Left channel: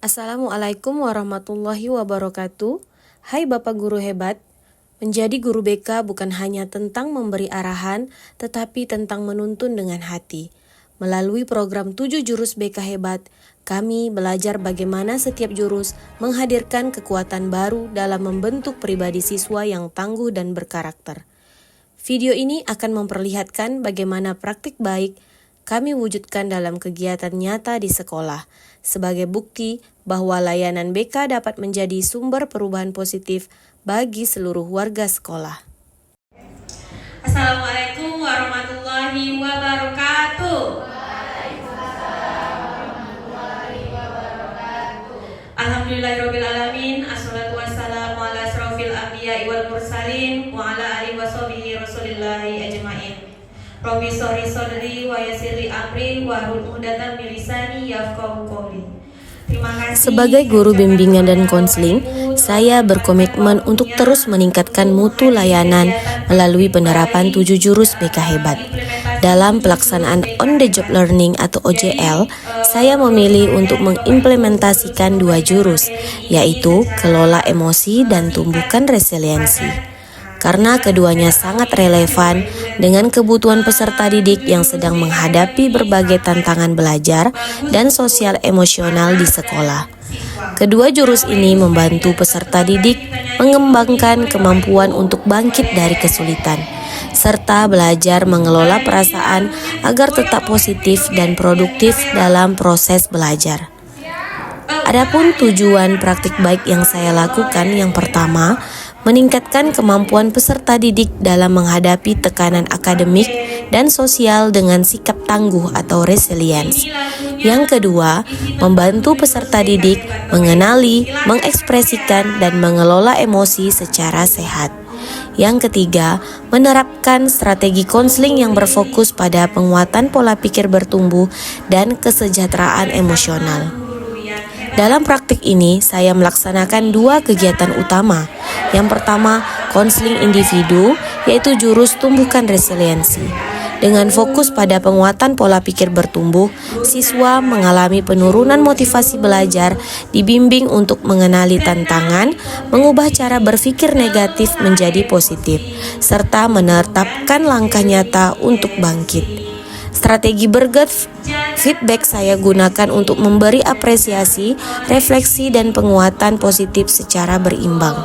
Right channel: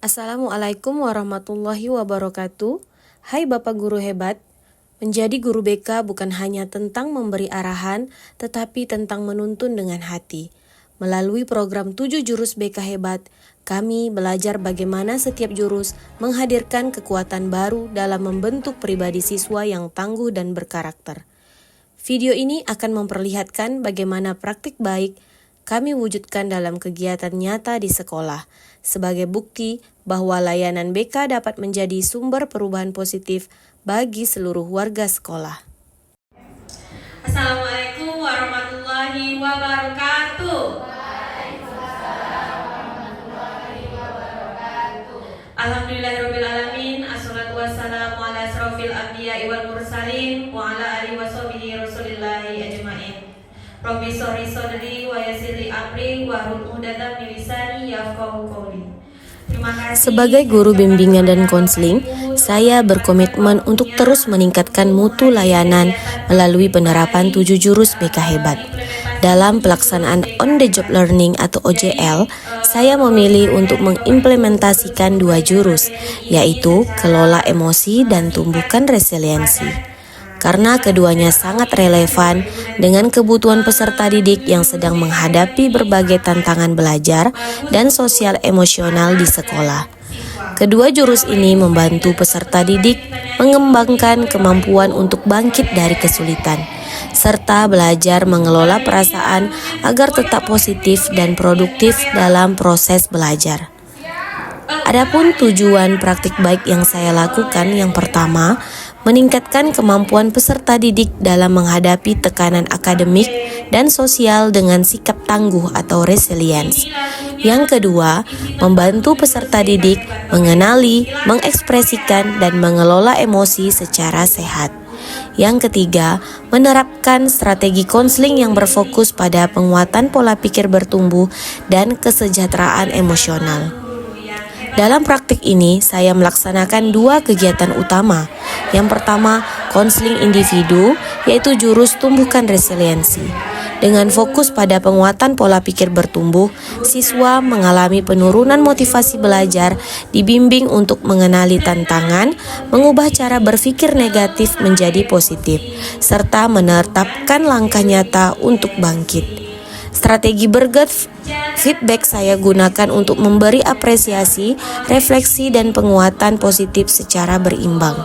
Assalamualaikum warahmatullahi wabarakatuh. Hai Bapak Guru hebat, menjadi guru BK bukan hanya tentang memberi arahan, tetapi tentang menuntun dengan hati. Melalui program 7 jurus BK hebat, kami belajar bagaimana setiap jurus menghadirkan kekuatan baru dalam membentuk pribadi siswa yang tangguh dan berkarakter. Video ini akan memperlihatkan bagaimana praktik baik kami wujudkan dalam kegiatan nyata di sekolah, sebagai bukti bahwa layanan BK dapat menjadi sumber perubahan positif bagi seluruh warga sekolah. Assalamualaikum warahmatullahi wabarakatuh. Alhamdulillahirrabbilalamin. Assalatu wassalamu ala asrofil anbiya'i wal mursalin wa ala alihi wa sahbihi rasulillahi ajma'in. Rabbi shrah sadri wa yassir li amri wahlul 'uqdatam min lisani yafqahu qawli. Sebagai guru bimbingan dan konseling, saya berkomitmen untuk terus meningkatkan mutu layanan melalui penerapan 7 jurus BK hebat. Dalam pelaksanaan on the job learning atau OJL, saya memilih untuk mengimplementasikan 2 jurus, yaitu kelola emosi dan tumbuhkan resiliensi. Karena keduanya sangat relevan dengan kebutuhan peserta didik yang sedang menghadapi berbagai tantangan belajar dan sosial emosional di sekolah. Kedua jurus ini membantu peserta didik mengembangkan kemampuan untuk bangkit dari kesulitan, serta belajar mengelola perasaan agar tetap positif dan produktif dalam proses belajar. Adapun tujuan praktik baik yang saya lakukan yang pertama, meningkatkan kemampuan peserta didik dalam menghadapi tekanan akademik dan sosial dengan sikap tangguh atau resilience. Yang kedua, membantu peserta didik mengenali, mengekspresikan, dan mengelola emosi secara sehat. Yang ketiga, menerapkan strategi konseling yang berfokus pada penguatan pola pikir bertumbuh dan kesejahteraan emosional. Dalam praktik ini, saya melaksanakan 2 kegiatan utama. Yang pertama, konseling individu, yaitu jurus tumbuhkan resiliensi. Dengan fokus pada penguatan pola pikir bertumbuh, siswa mengalami penurunan motivasi belajar, dibimbing untuk mengenali tantangan, mengubah cara berpikir negatif menjadi positif, serta menetapkan langkah nyata untuk bangkit. Strategi berget feedback saya gunakan untuk memberi apresiasi, refleksi, dan penguatan positif secara berimbang.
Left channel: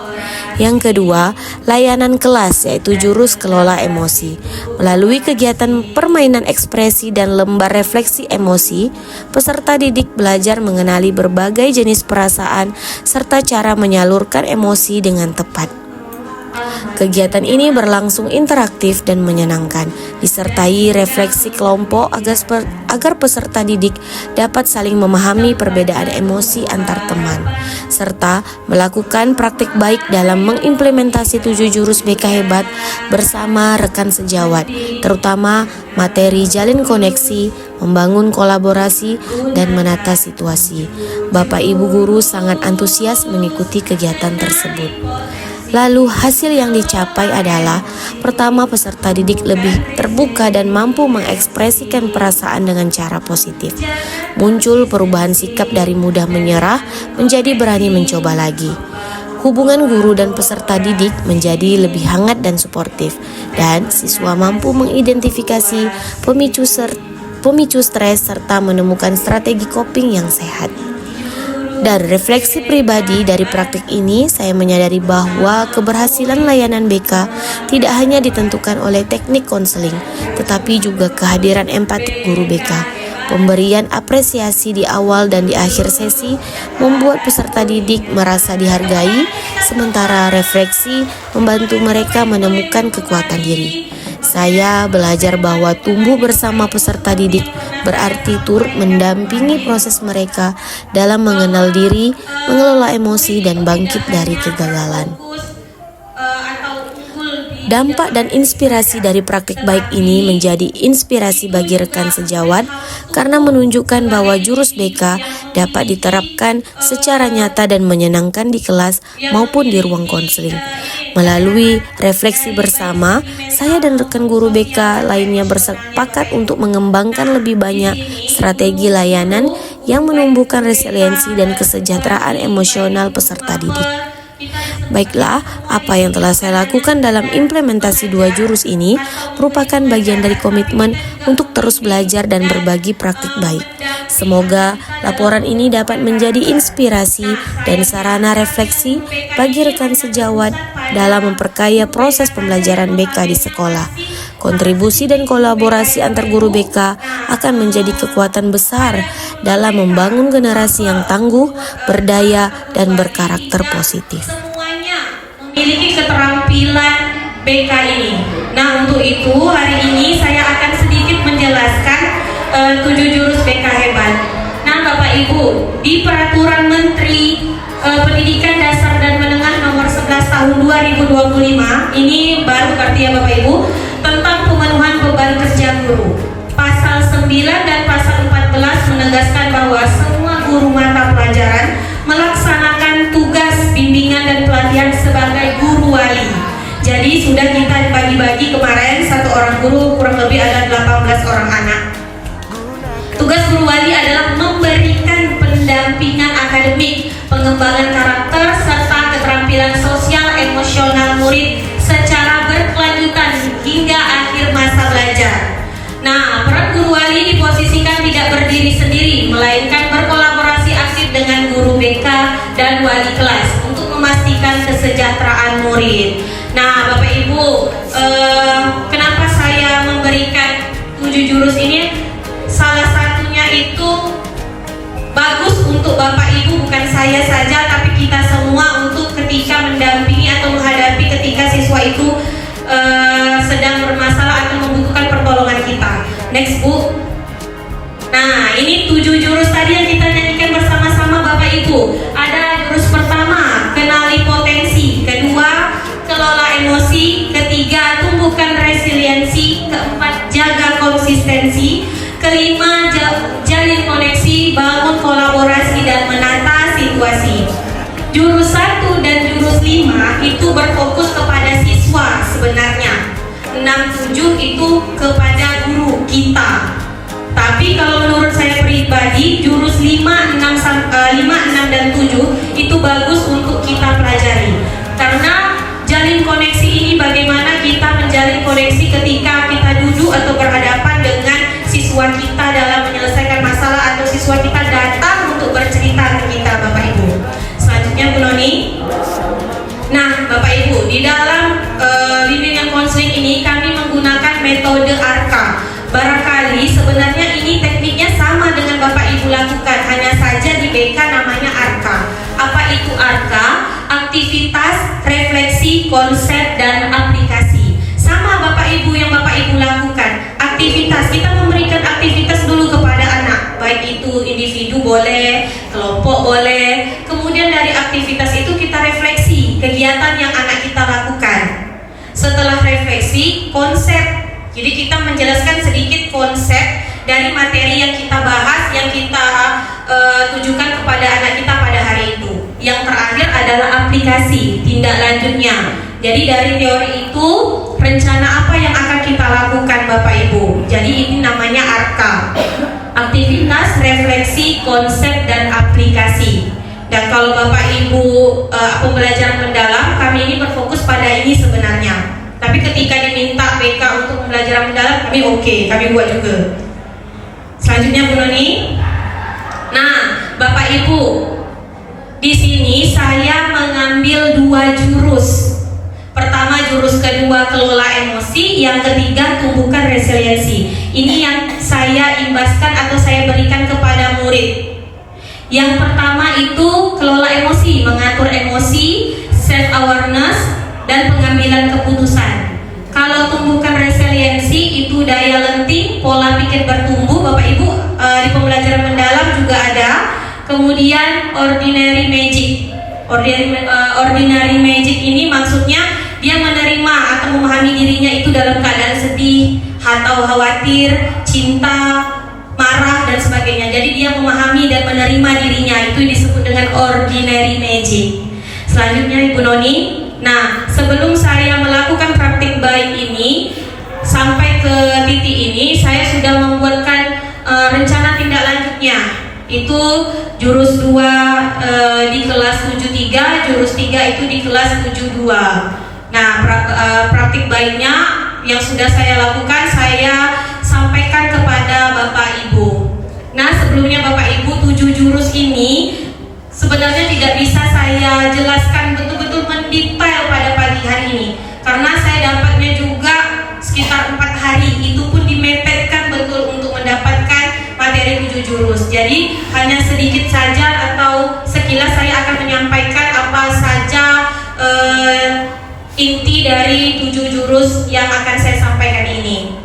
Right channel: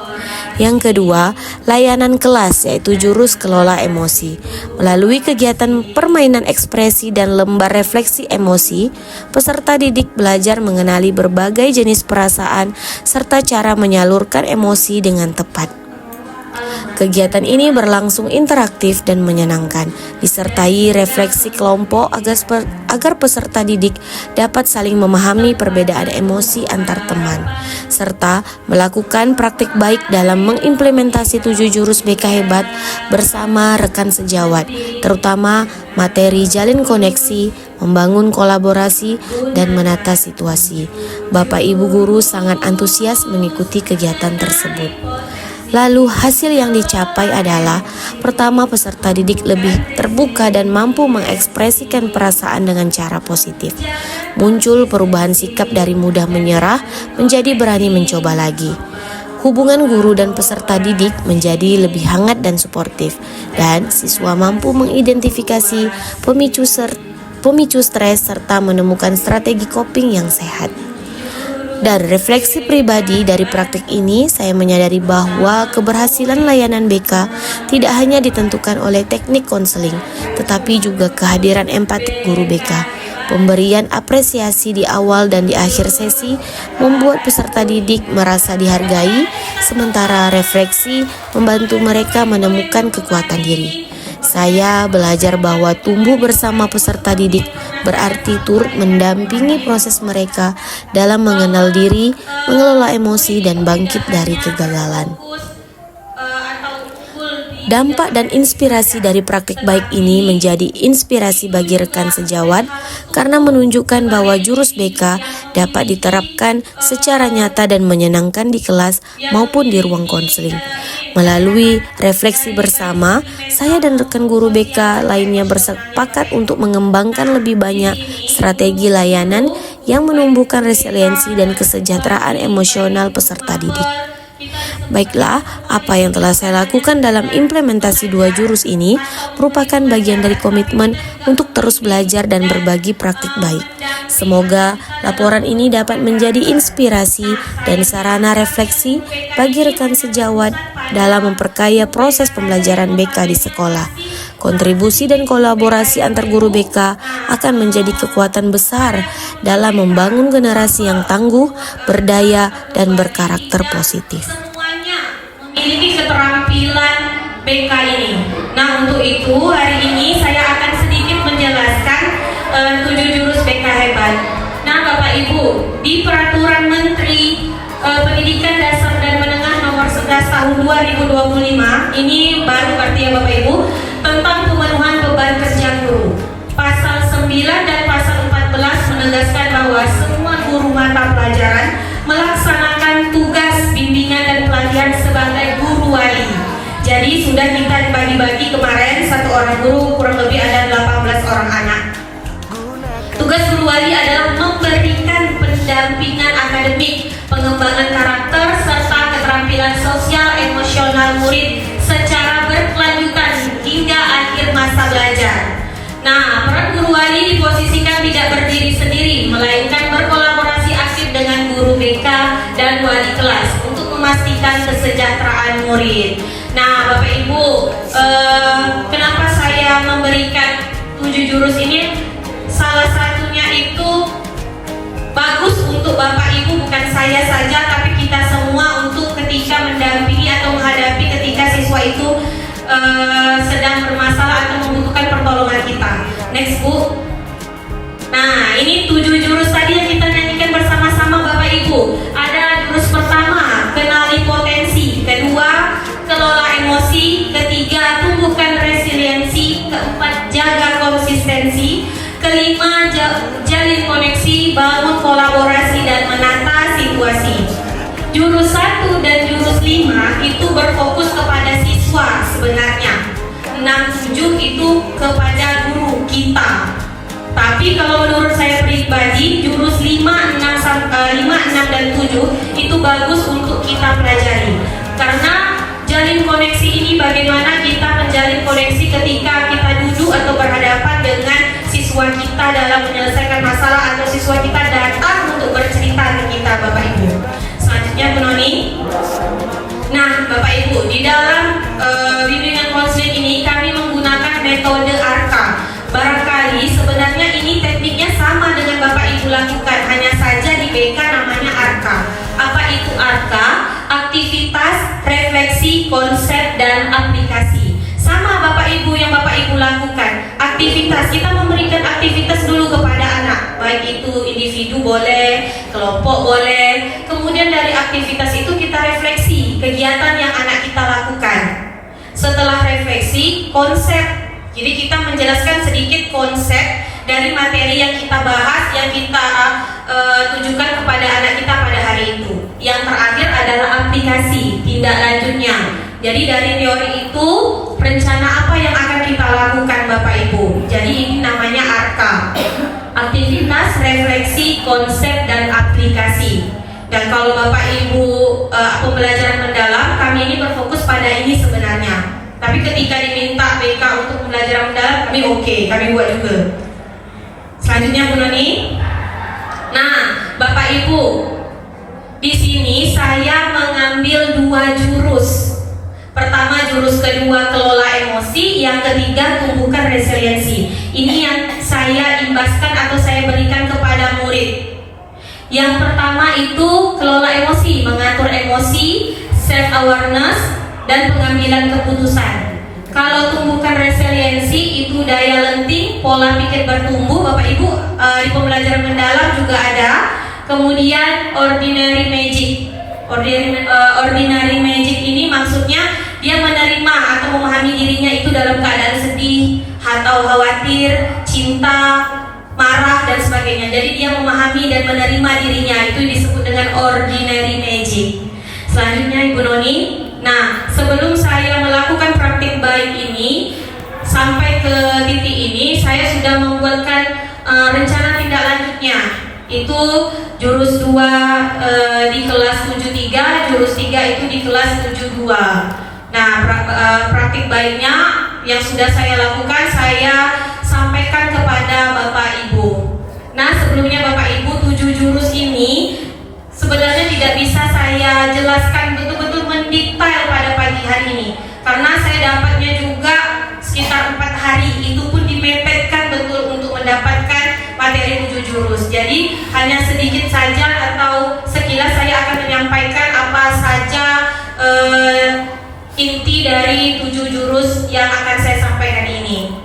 Yang kedua, layanan kelas, yaitu jurus kelola emosi. Melalui kegiatan permainan ekspresi dan lembar refleksi emosi, peserta didik belajar mengenali berbagai jenis perasaan serta cara menyalurkan emosi dengan tepat. Kegiatan ini berlangsung interaktif dan menyenangkan, disertai refleksi kelompok agar peserta didik dapat saling memahami perbedaan emosi antar teman, serta melakukan praktik baik dalam mengimplementasi 7 jurus BK hebat bersama rekan sejawat, terutama materi jalin koneksi, membangun kolaborasi, dan menata situasi. Bapak Ibu guru sangat antusias mengikuti kegiatan tersebut. Lalu hasil yang dicapai adalah pertama, peserta didik lebih terbuka dan mampu mengekspresikan perasaan dengan cara positif. Muncul perubahan sikap dari mudah menyerah menjadi berani mencoba lagi. Hubungan guru dan peserta didik menjadi lebih hangat dan suportif, dan siswa mampu mengidentifikasi pemicu stres serta menemukan strategi coping yang sehat. Dari refleksi pribadi dari praktik ini, saya menyadari bahwa keberhasilan layanan BK tidak hanya ditentukan oleh teknik konseling, tetapi juga kehadiran empatik guru BK. Pemberian apresiasi di awal dan di akhir sesi membuat peserta didik merasa dihargai, sementara refleksi membantu mereka menemukan kekuatan diri. Saya belajar bahwa tumbuh bersama peserta didik berarti turut mendampingi proses mereka dalam mengenal diri, mengelola emosi, dan bangkit dari kegagalan. Dampak dan inspirasi dari praktik baik ini menjadi inspirasi bagi rekan sejawat karena menunjukkan bahwa jurus BK dapat diterapkan secara nyata dan menyenangkan di kelas maupun di ruang konseling. Melalui refleksi bersama, saya dan rekan guru BK lainnya bersepakat untuk mengembangkan lebih banyak strategi layanan yang menumbuhkan resiliensi dan kesejahteraan emosional peserta didik. Baiklah, apa yang telah saya lakukan dalam implementasi 2 jurus ini merupakan bagian dari komitmen untuk terus belajar dan berbagi praktik baik. Semoga laporan ini dapat menjadi inspirasi dan sarana refleksi bagi rekan sejawat dalam memperkaya proses pembelajaran BK di sekolah. Kontribusi dan kolaborasi antar guru BK akan menjadi kekuatan besar dalam membangun generasi yang tangguh, berdaya, dan berkarakter positif. Memiliki keterampilan BK ini. Nah, untuk itu hari ini saya akan sedikit menjelaskan 7 jurus BK hebat. Nah, Bapak Ibu, di Peraturan Menteri Pendidikan Dasar dan Menengah Nomor 11 Tahun 2025, ini baru artinya Bapak Ibu, tentang pemenuhan beban kerja guru. Pasal 9 dan pasal 14 menegaskan bahwa semua guru mata pelajaran melaksanakan tugas bimbingan dan pelatihan sebagai guru wali. Jadi sudah kita dibagi-bagi kemarin, 1 orang guru kurang lebih ada 18 orang anak. Tugas guru wali adalah memberikan pendampingan akademik, pengembangan karakter, serta keterampilan sosial emosional murid secara berkelanjutan hingga akhir masa belajar. Nah, peran guru wali diposisikan tidak berdiri sendiri, melainkan berkolaborasi aktif dengan guru BK dan wali kelas untuk memastikan kesejahteraan murid. Nah, Bapak Ibu, kenapa saya memberikan 7 jurus ini? Salah satunya itu bagus untuk Bapak Ibu, bukan saya saja, tapi kita semua, untuk ketika mendampingi atau menghadapi ketika siswa itu sedang bermasalah atau membutuhkan pertolongan kita. Next, Bu. Nah, ini 7 jurus tadi yang kita nyanyikan bersama-sama Bapak Ibu. Ada jurus pertama, kenali potensi. Kedua, kelola emosi. Ketiga, tumbuhkan resiliensi. Keempat, jaga konsistensi. Kelima, jalin koneksi, bangun kolaborasi dan menata situasi. Jurus 1 dan jurus 5 itu berfokus kepada siswa sebenarnya. 6, 7 itu kepada guru kita. Tapi kalau menurut saya pribadi, jurus 5, 6 dan 7 itu bagus untuk kita pelajari. Karena jalin koneksi ini bagaimana kita menjalin koneksi ketika kita duduk atau berhadapan dengan siswa kita dalam menyelesaikan masalah, atau siswa kita datang untuk bercerita ke kita, Bapak Ibu. Selanjutnya, Bu Noni. Nah, Bapak Ibu, di dalam bimbingan konseling ini kami menggunakan metode ARKA. Barangkali sebenarnya ini tekniknya sama dengan Bapak Ibu lakukan, hanya saja di BK namanya ARKA. Apa itu ARKA? Aktivitas, refleksi, konsep, dan aplikasi. Sama Bapak Ibu yang Bapak Ibu lakukan. Aktivitas, kita memberikan aktivitas dulu kepada anak, baik itu individu boleh, kelompok boleh. Kemudian dari aktivitas itu kita refleksi kegiatan yang anak kita lakukan. Setelah refleksi, konsep. Jadi kita menjelaskan sedikit konsep dari materi yang kita bahas, yang kita tujukan kepada anak kita pada hari itu. Yang terakhir adalah aplikasi, tindak lanjutnya. Jadi dari teori itu, rencana apa yang akan kita lakukan Bapak Ibu. Jadi ini namanya ARKA. Aktivitas, refleksi, konsep, dan aplikasi. Dan kalau Bapak Ibu pembelajaran mendalam, kami ini berfokus pada ini sebenarnya. Tapi ketika diminta BK untuk pembelajaran mendalam, kami buat juga. Selanjutnya, Bu Noni. Nah, Bapak Ibu, di sini saya mengambil 2 jurus. Pertama, jurus kedua, kelola emosi. Yang ketiga, tumbuhkan resiliensi. Ini yang saya imbaskan atau saya berikan kepada murid. Yang pertama itu kelola emosi, mengatur emosi, self awareness, dan pengambilan keputusan. Kalau tumbuhkan resiliensi itu daya lenting, pola pikir bertumbuh. Bapak Ibu di pembelajaran mendalam juga ada. Kemudian ordinary magic. Ordinary magic ini maksudnya dia menerima atau memahami dirinya itu dalam keadaan sedih atau khawatir, cinta, marah, dan sebagainya. Jadi dia memahami dan menerima dirinya, itu disebut dengan ordinary magic. Selanjutnya, Ibu Noni. Nah, sebelum saya melakukan praktik baik ini sampai ke titik ini, saya sudah membuatkan rencana tindak lanjutnya. Itu 3, jurus 3 itu di kelas 72. Nah, praktik baiknya yang sudah saya lakukan saya sampaikan kepada Bapak Ibu. Nah, sebelumnya Bapak Ibu, 7 jurus ini sebenarnya tidak bisa saya jelaskan betul-betul mendetail pada pagi hari ini, karena saya dapatnya juga sekitar 4 hari, itu pun dimepetkan betul untuk mendapatkan materi 7 jurus. Jadi hanya sedikit saja atau sekilas saya akan menyampaikan apa saja inti dari 7 jurus yang akan saya sampaikan ini.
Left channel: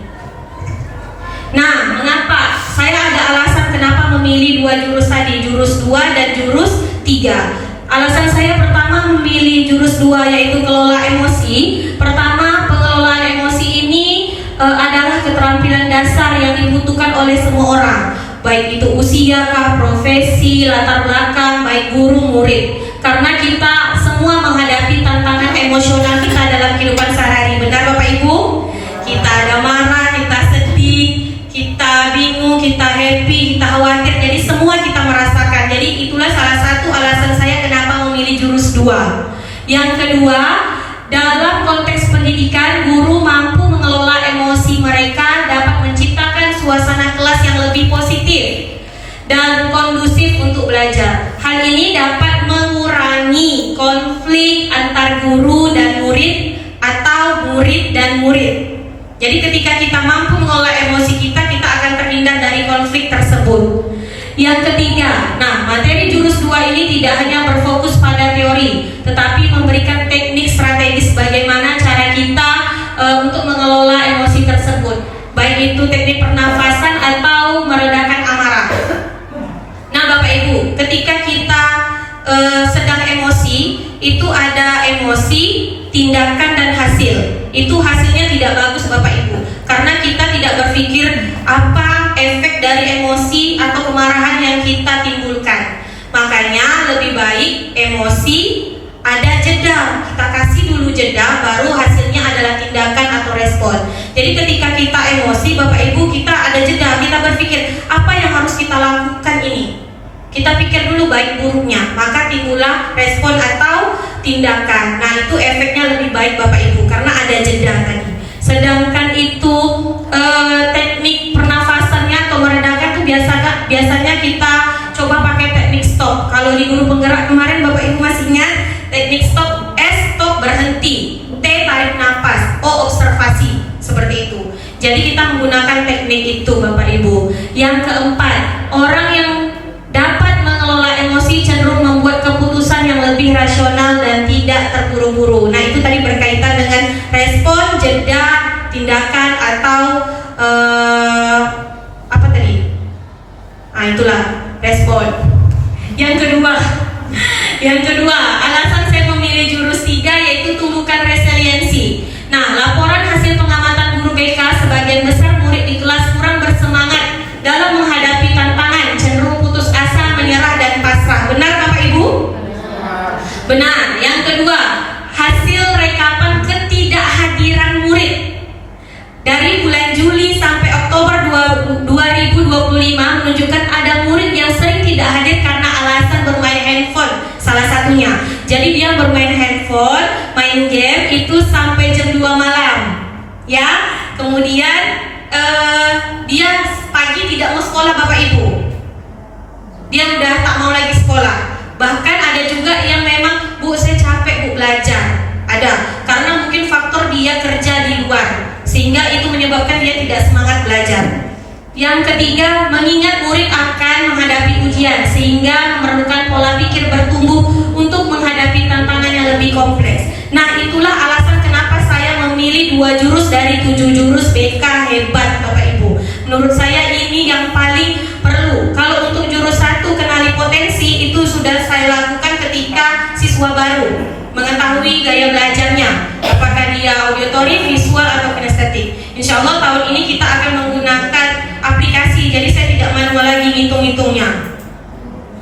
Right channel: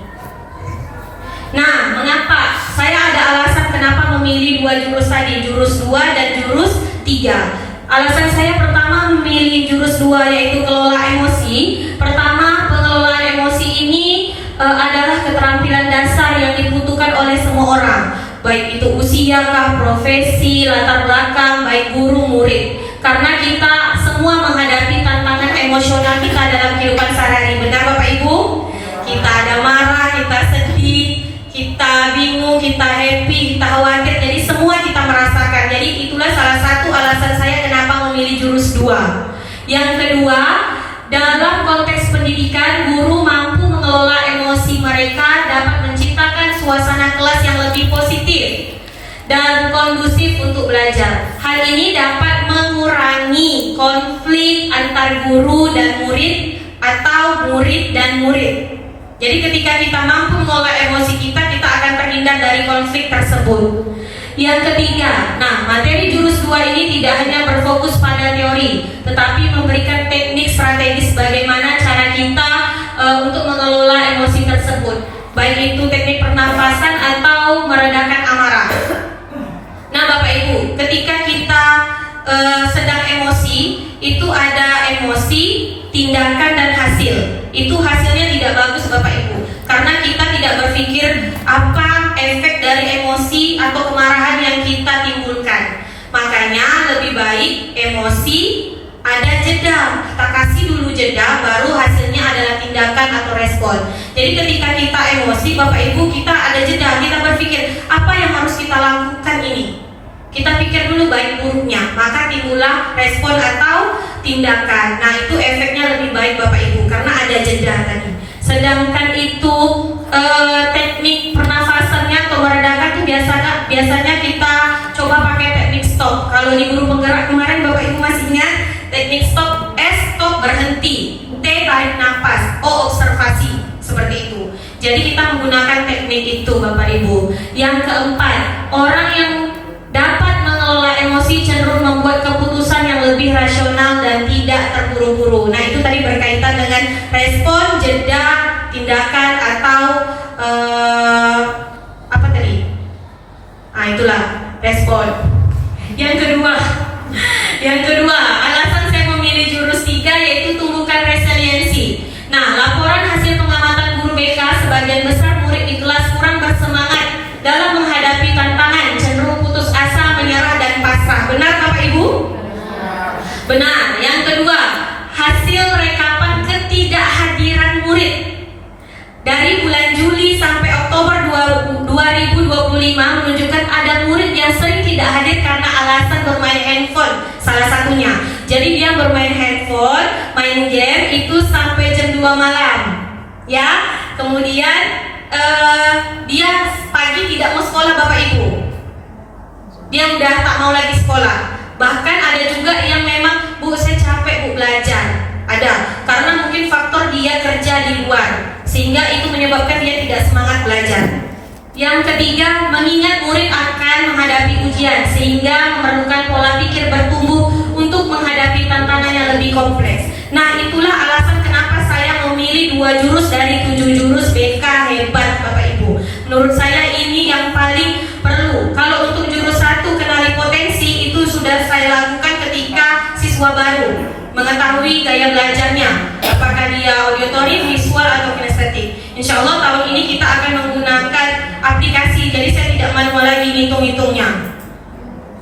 Nah, mengapa? Saya ada alasan kenapa memilih 2 jurus tadi, jurus 2 dan jurus 3. Alasan saya pertama memilih jurus 2 yaitu kelola emosi. Pertama, pengelolaan emosi ini adalah keterampilan dasar yang dibutuhkan oleh semua orang, baik itu usia, profesi, latar belakang, baik guru, murid. Karena kita semua menghadapi tantangan emosional kita dalam kehidupan sehari-hari. Benar Bapak Ibu? Kita ada marah, kita sedih, kita bingung, kita happy, kita khawatir. Jadi semua kita merasakan. Jadi itulah salah satu alasan saya kenapa memilih jurus 2. Yang kedua, dalam konteks pendidikan, guru mampu mengelola emosi mereka, dapat menciptakan suasana kelas yang lebih positif dan kondusif untuk belajar. Hal ini dapat mengurangi konflik antar guru dan murid atau murid dan murid. Jadi ketika kita mampu mengelola emosi kita akan terhindar dari konflik tersebut. Yang ketiga, nah materi jurus 2 ini tidak hanya berfokus pada teori, tetapi memberikan teknik strategis bagaimana cara kita untuk mengelola emosi tersebut, baik itu teknik pernafasan atau meredakan amarah. Nah Bapak Ibu, ketika kita sedang emosi, itu ada emosi, tindakan dan hasil. Itu hasilnya tidak bagus Bapak Ibu, karena kita tidak berpikir apa efek dari emosi atau kemarahan yang kita timbulkan. Makanya lebih baik emosi ada jeda, kita kasih dulu jeda, baru hasilnya adalah tindakan atau respon. Jadi ketika kita emosi Bapak Ibu, kita ada jeda, kita berpikir apa yang harus kita lakukan ini. Kita pikir dulu baik buruknya, maka timbullah respon atau tindakan. Nah itu efeknya lebih baik Bapak Ibu, karena ada jeda tadi. Sedangkan itu teknik pernafasannya atau meredakan itu biasanya kita coba pakai teknik stop. Kalau di guru penggerak kemarin Bapak Ibu masih ingat teknik stop? S stop berhenti, T tarik nafas, O observasi, seperti itu. Jadi kita menggunakan teknik itu Bapak Ibu. Yang keempat, orang yang dapat mengelola emosi cenderung membuat keputusan yang lebih rasional dan tidak terburu-buru. Nah itu tadi berkaitan dengan respon, jeda, tindakan atau apa tadi? Nah itulah respon. Yang kedua, alasan saya memilih jurus 3 yaitu tumbuhkan resiliensi. Nah laporan hasil pengamatan guru BK, sebagian besar murid di kelas kurang bersemangat dalam menghadapi tantangan, cenderung putus asa, menyerah dan pasrah. Benar Bapak Ibu? Benar. Yang kedua, hasil rekapan ketidakhadiran murid dari bulan Juli sampai Oktober 2025 menunjukkan ada murid yang sering tidak hadir karena alasan bermain handphone, salah satunya. Jadi dia bermain handphone, main game itu sampai jam 2 malam, ya. Kemudian dia pagi tidak mau sekolah Bapak Ibu, dia udah tak mau lagi sekolah. Bahkan ada juga yang memang, Bu saya capek Bu belajar, ada, karena mungkin faktor dia kerja di luar, sehingga itu menyebabkan dia tidak semangat belajar. Yang ketiga, mengingat murid akan menghadapi ujian, sehingga memerlukan pola pikir bertumbuh untuk menghadapi tantangan yang lebih kompleks. Nah itulah alasan kenapa saya memilih 2 jurus dari 7 jurus BK hebat Bapak Ibu. Menurut saya ini yang paling perlu. Kalau untuk jurus 1 kenali potensi, itu sudah saya lakukan ketika siswa baru mengetahui gaya belajarnya, apakah dia auditory, visual atau kinestetik. Insya Allah tahun ini kita akan menggunakan aplikasi, jadi saya tidak manual lagi hitung-hitungnya.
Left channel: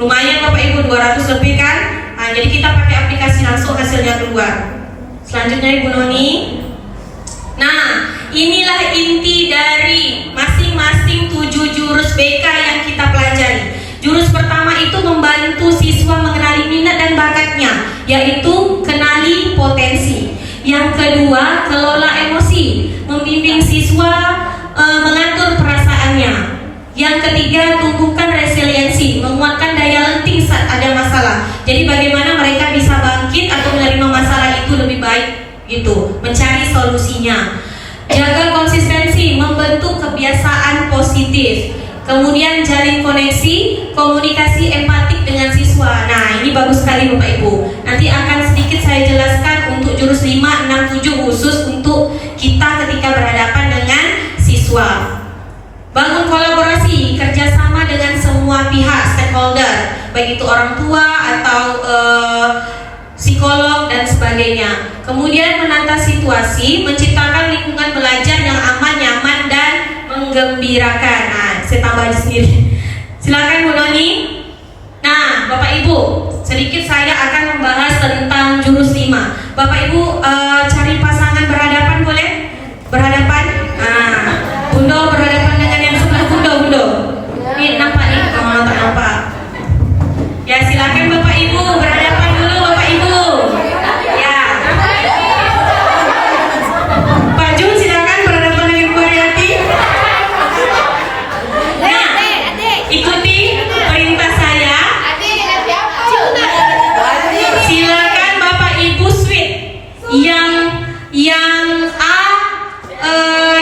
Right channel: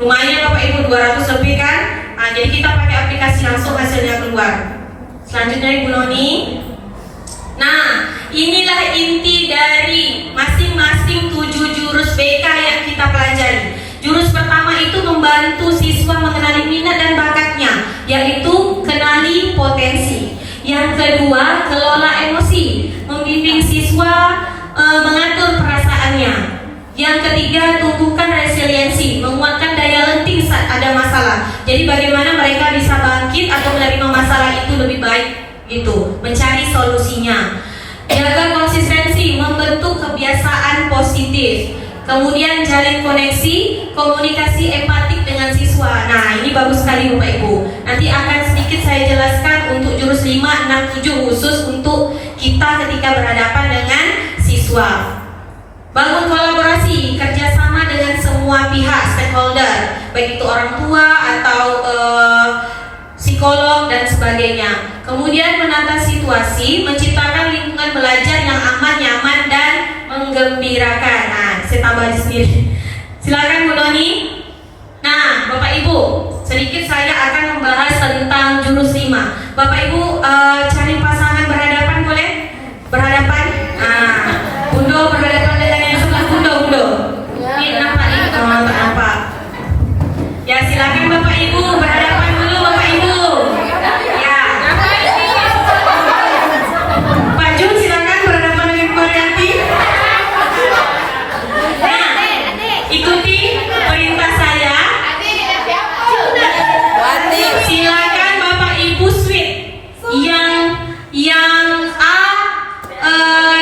Lumayan Bapak Ibu, 200 lebih kan? Nah, jadi kita pakai aplikasi langsung hasilnya keluar. Selanjutnya Ibu Noni. Nah, inilah inti dari masing-masing 7 jurus BK yang kita pelajari. Jurus pertama itu membantu siswa mengenali minat dan bakatnya. Jadi bagaimana mereka bisa bangkit atau menerima masalah itu lebih baik gitu, mencari solusinya. Jaga konsistensi, membentuk kebiasaan positif. Kemudian jalin koneksi, komunikasi empatik dengan siswa. Nah, ini bagus sekali Bapak Ibu. Nanti akan sedikit saya jelaskan untuk jurus 5, 6, 7 khusus untuk kita ketika berhadapan dengan siswa. Bangun kolaborasi, kerjasama dengan semua pihak stakeholder, baik itu orang tua atau psikolog dan sebagainya. Kemudian menata situasi, menciptakan lingkungan belajar yang aman, nyaman dan menggembirakan. Nah, saya tambah aja sendiri. Silakan Bu Noni. Nah, Bapak Ibu, sedikit saya akan membahas tentang jurus 5. Bapak Ibu cari pasangan berhadapan boleh? Berhadapan. Nah, Bundo berhadapan dengan yang sebelah Bundo. Ini nampak nih, kamu nampak. Ya, silakan Bapak Ibu berhadapan dulu Bapak Ibu. Ya. Pak Jun silakan berhadapan dengan Koryati. Nah, ikuti perintah saya. Silakan Bapak Ibu switch. Yang A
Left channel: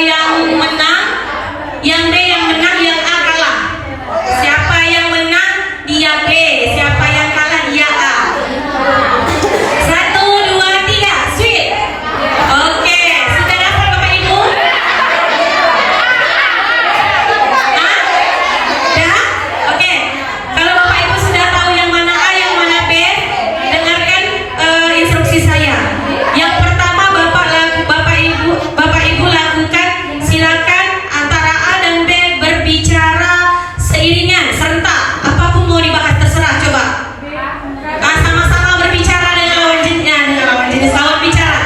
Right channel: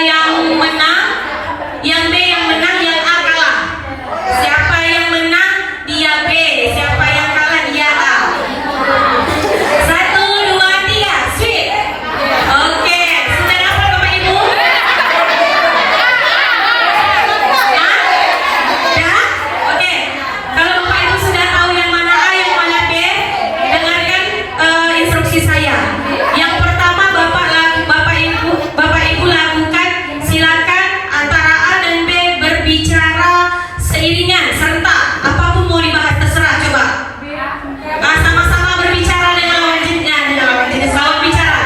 yang menang, yang B yang menang, yang A kalah. Siapa yang menang dia B, siapa yang kalah dia A. 1, 2, 3, switch. Oke, sudah dapat Bapak Ibu? Ya? Oke. Kalau Bapak Ibu sudah tahu yang mana A, yang mana B, dengarkan instruksi saya. Yang pertama Bapak Ibu lakukan, silakan antara A dan B berbicara seiringan serentak. Apapun mau dibahas terserah, coba. Nah, sama-sama berbicara dengan lawan jenis, lawan bicara.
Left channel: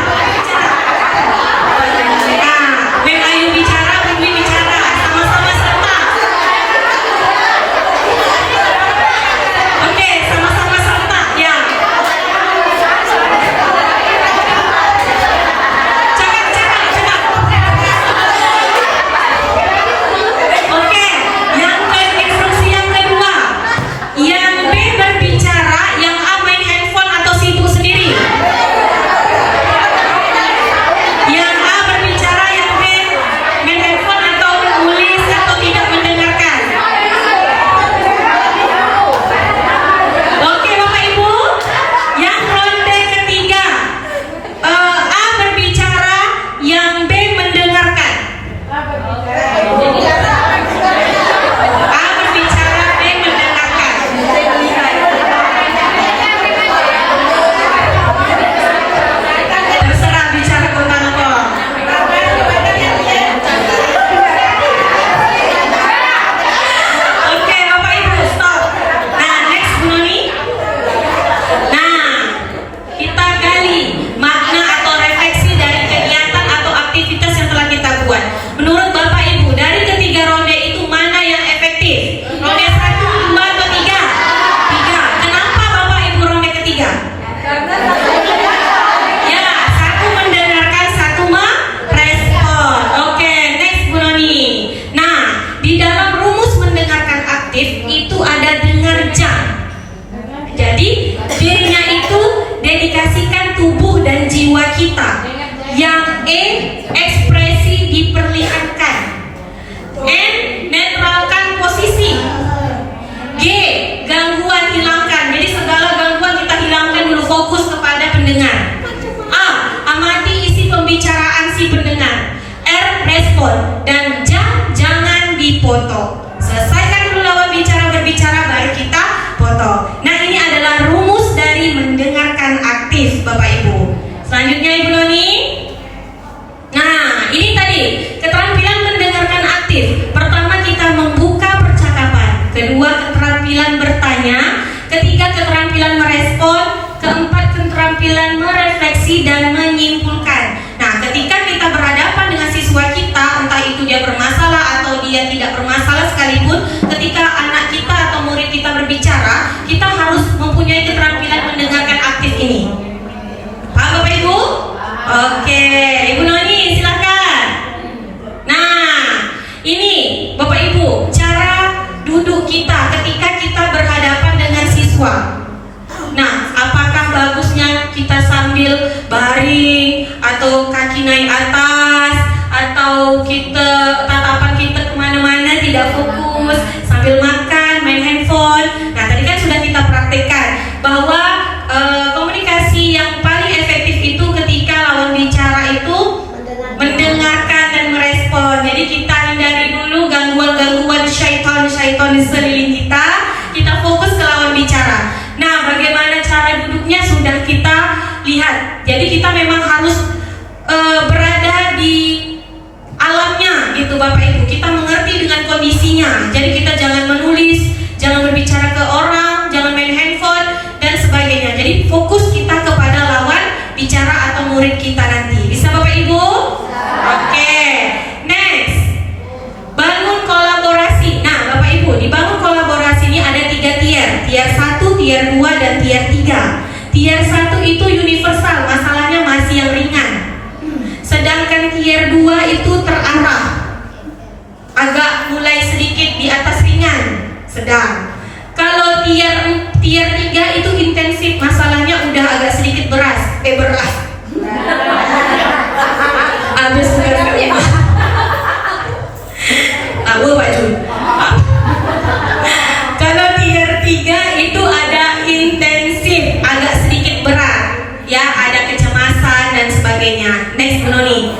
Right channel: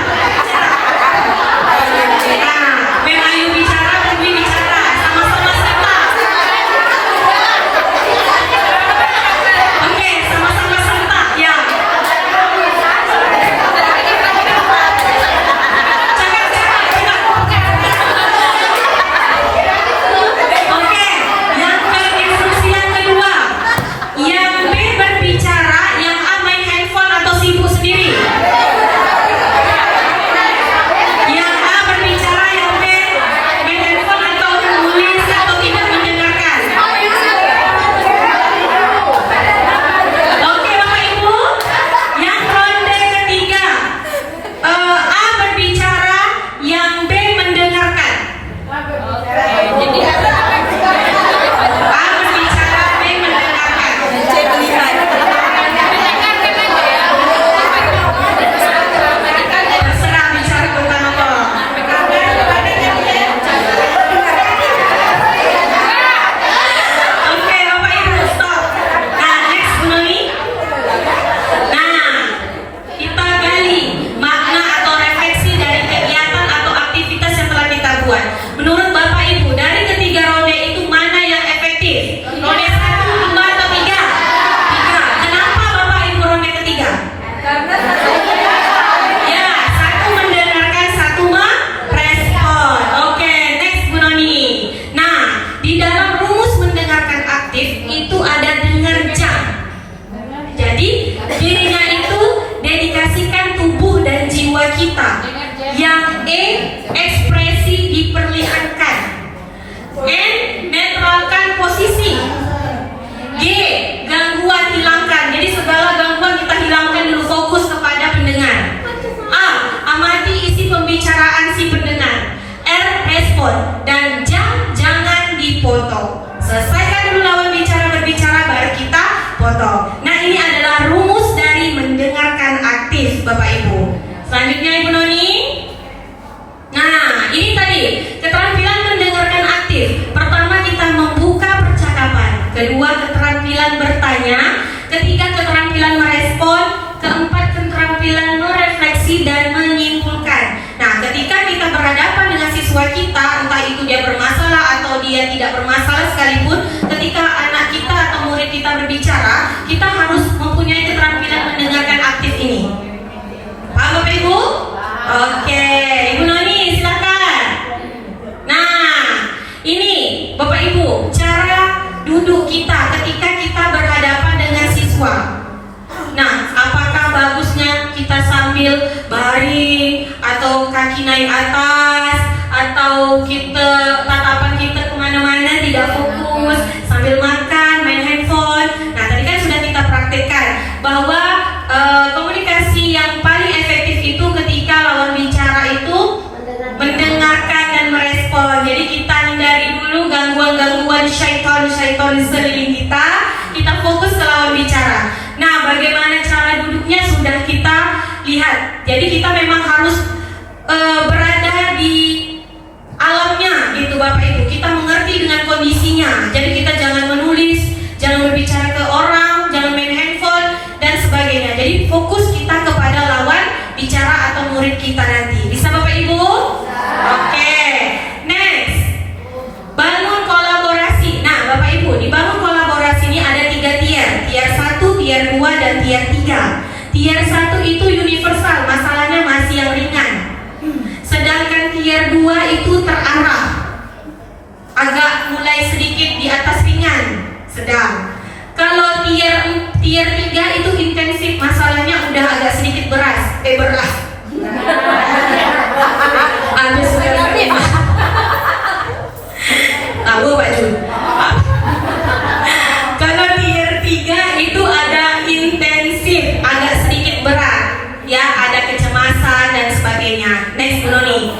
Nah, Mem Ayu bicara, Bumi bicara, sama-sama serentak. Oke, sama-sama serentak, ya. Oke, yang instruksi yang kedua, yang B berbicara, yang A main handphone atau sibuk sendiri. Yang A berbicara, yang B main handphone atau menulis atau tidak mendengarkan. Oke Bapak Ibu, yang ronde ketiga, A berbicara, yang B mendengarkan. A berbicara, B mendengarkan. Terserah bicara tentang apa. Oke Bapak Ibu, stop. Nah, next Bu Noni. Nah, kita gali makna atau refleksi dari kegiatan atau aktivitas yang telah kita buat. Menurut Bapak Ibu, dari ketiga ronde itu mana yang efektif? Ronde 1, 2, atau 3? 3. Kenapa Bapak Ibu ronde ketiga? Ya, 1 mendengarkan, 1 merespon. Oke, next Bu Noni. Nah, di dalam rumus mendengarkan aktif itu ada dengar jam. Jadi dirinya itu dedikasikan tubuh dan jiwa kita. Yang E, ekspresi diperlihatkan. N, netralkan posisi. G, gangguan hilangkan. Jadi segala gangguan kita hilangkan dulu, fokus kepada pendengar. A, amati isi pembicaraan si pendengar. R, respon. Dan jangan dipotong. Selesaikan dulu lawan bicara berbicara, baru kita potong. Nah, ini adalah rumus dari mendengarkan aktif Bapak Ibu. Selanjutnya Ibu Noni. Nah, kita sambil baring atau kaki naik atas atau tatapan kita kemana-mana tidak fokus sambil makan, main handphone. Nah tadi kan sudah kita praktekkan bahwa komunikasi yang paling efektif itu ketika lawan bicara itu mendengarkan dan merespon. Jadi kita hindari dulu gangguan-gangguan syaitan di sekeliling kita. Kita fokus ke lawan bicara. Nah, bagaimana cara duduknya sudah kita lihat. Jadi kita memang harus berada di alamnya gitu Bapak Ibu. Kita mengerti dengan kondisinya. Jadi kita jangan menulis, jangan berbicara ke orang, jangan main handphone dan sebagainya. Jadi fokus kita kepada lawan bicara atau murid kita nanti. Bisa Bapak Ibu? Oke. Next. Bangun kolaborasi. Nah, Bapak Ibu, di bangun kolaborasi ini ada 3 tier. Tier 1, tier 2 dan tier 3. Tier 1 itu universal, masalahnya masih yang ringan. Sedangkan tier 2 itu terarah, agak mulai sedikit di atas ringan, sedang. Kalau tier 3 itu intensif, masalahnya udah agak sedikit berat. Ada sebenarnya. Tahu Pak Jun. Kalau tier 3 itu ada intensif, agak sedikit berat, ya ada kecemasan dan sebagainya. Next Noni.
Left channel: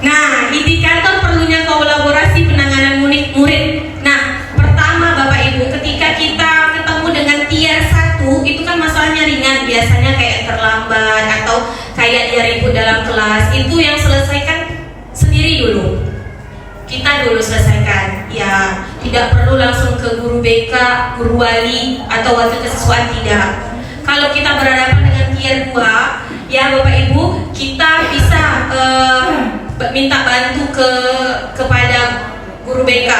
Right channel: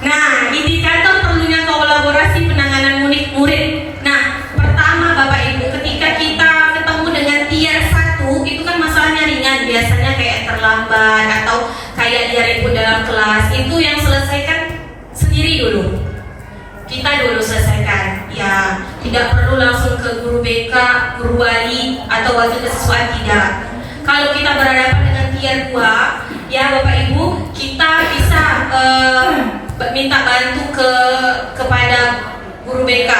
Nah, indikator perlunya kolaborasi penanganan murid. Nah, pertama Bapak Ibu, ketika kita ketemu dengan tier 1 itu kan masalahnya ringan, biasanya kayak terlambat atau kayak dia ribut dalam kelas, itu yang selesaikan sendiri dulu. Kita dulu selesaikan, ya tidak perlu langsung ke guru BK, guru wali atau wakil kesiswaan, tidak. Kalau kita berhadapan dengan tier 2, ya Bapak Ibu, kita bisa minta bantu kepada guru BK.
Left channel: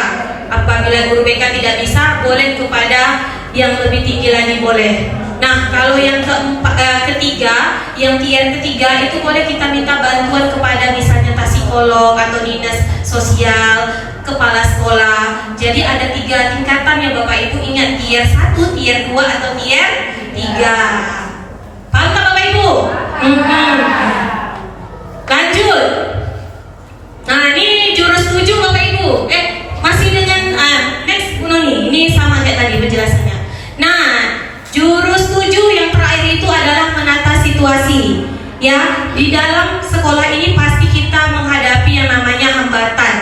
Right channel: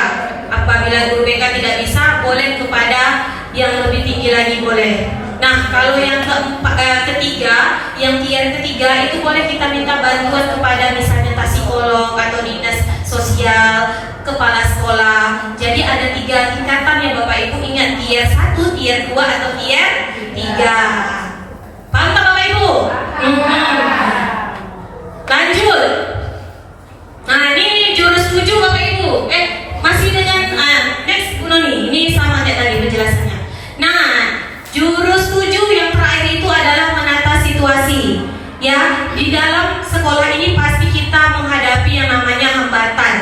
Apabila guru BK tidak bisa, boleh kepada yang lebih tinggi lagi boleh. Nah, kalau yang ketiga, yang tier ketiga itu boleh kita minta bantuan kepada misalnya psikolog atau dinas sosial, kepala sekolah. Jadi ada 3 tingkatan ya Bapak Ibu. Ingat, tier 1, tier 2 atau tier 3. Paham tak Bapak Ibu? Lanjut. Nah, ini jurus 7 Bapak Ibu. Masih dengan next Bu Noni. Ini sama kayak tadi penjelasannya. Nah, jurus 7 yang terakhir itu adalah menata situasi. Ya, di dalam sekolah ini pasti kita menghadapi yang namanya hambatan.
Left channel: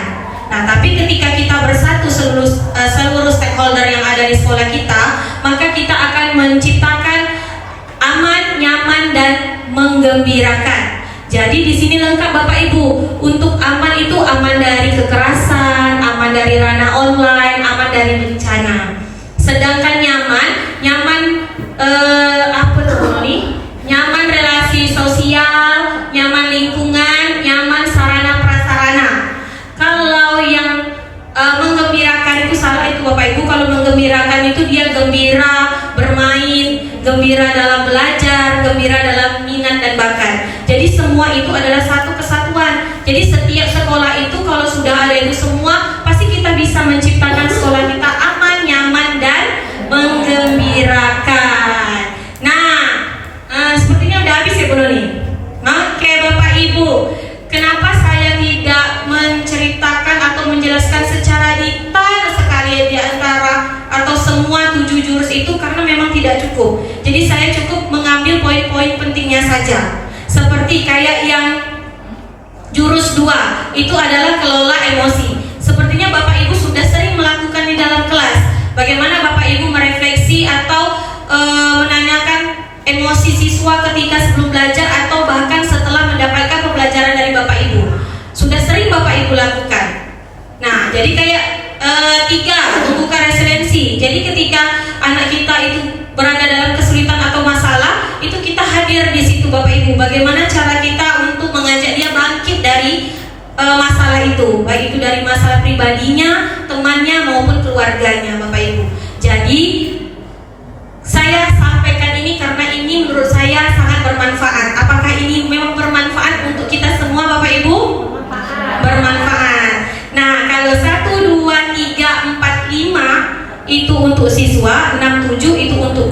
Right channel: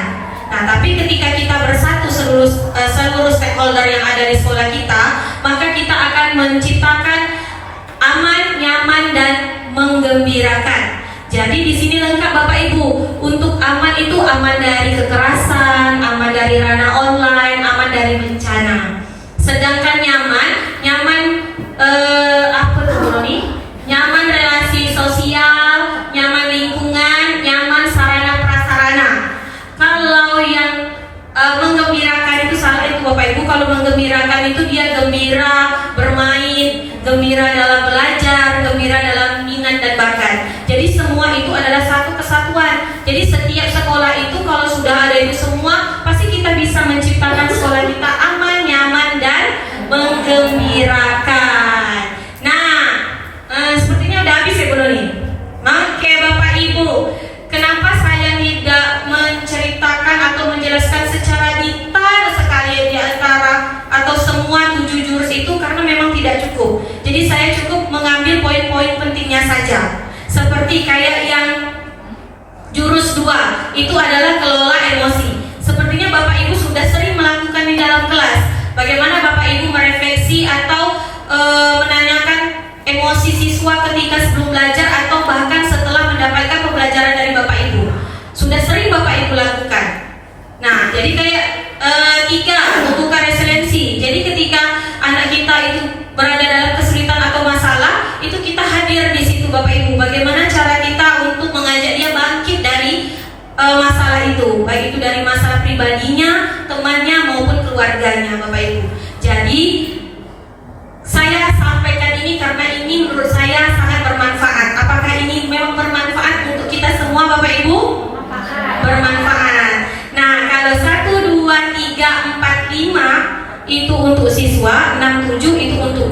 Nah, tapi ketika kita bersatu seluruh stakeholder yang ada di sekolah kita, maka kita akan menciptakan aman, nyaman dan menggembirakan. Jadi di sini lengkap Bapak Ibu. Untuk aman itu aman dari kekerasan, aman dari ranah online, aman dari bencana. Sedangkan nyaman apa tuh nih? Nyaman relasi sosial, nyaman lingkungan, nyaman sarana prasarana. Kalau yang menggembirakan itu salah itu Bapak Ibu. Kalau menggembirakan itu dia gembira bermain, gembira dalam belajar, gembira dalam minat dan bakat. Jadi semua itu adalah satu kesatuan. Jadi setiap sekolah itu kalau sudah ada itu semua, pasti kita bisa menciptakan sekolah kita aman, nyaman dan menggembirakan. Sepertinya udah habis ya Bu Noni. Oke Bapak Ibu, kenapa saya tidak menceritakan atau menjelaskan secara detail sekali di antara atau semua 7 jurus itu, karena memang tidak cukup. Jadi saya cukup mengambil poin-poin pentingnya saja. Seperti kayak yang jurus 2 itu adalah kelola emosi. Sepertinya Bapak Ibu sudah sering melakukan di dalam kelas. Bagaimana Bapak Ibu merefleksi atau menanyakan emosi siswa ketika sebelum belajar atau bahkan setelah mendapatkan pembelajaran dari Bapak Ibu. Sudah sering Bapak Ibu lakukan. Nah, jadi kayak 3, tumbuhkan resiliensi. Jadi ketika anak kita itu berada dalam kesulitan atau masalah, itu kita hadir di situ Bapak Ibu. Bagaimana cara kita untuk mengajak dia bangkit dari masalah itu, baik itu dari masalah pribadinya, temannya maupun keluarganya Bapak Ibu. Jadi saya sampaikan ini karena ini menurut saya sangat bermanfaat. Apakah ini memang bermanfaat untuk kita semua Bapak Ibu? Bermanfaat. Nah, kalau 1, 2, 3, 4, 5 itu untuk siswa, 6, 7 itu untuk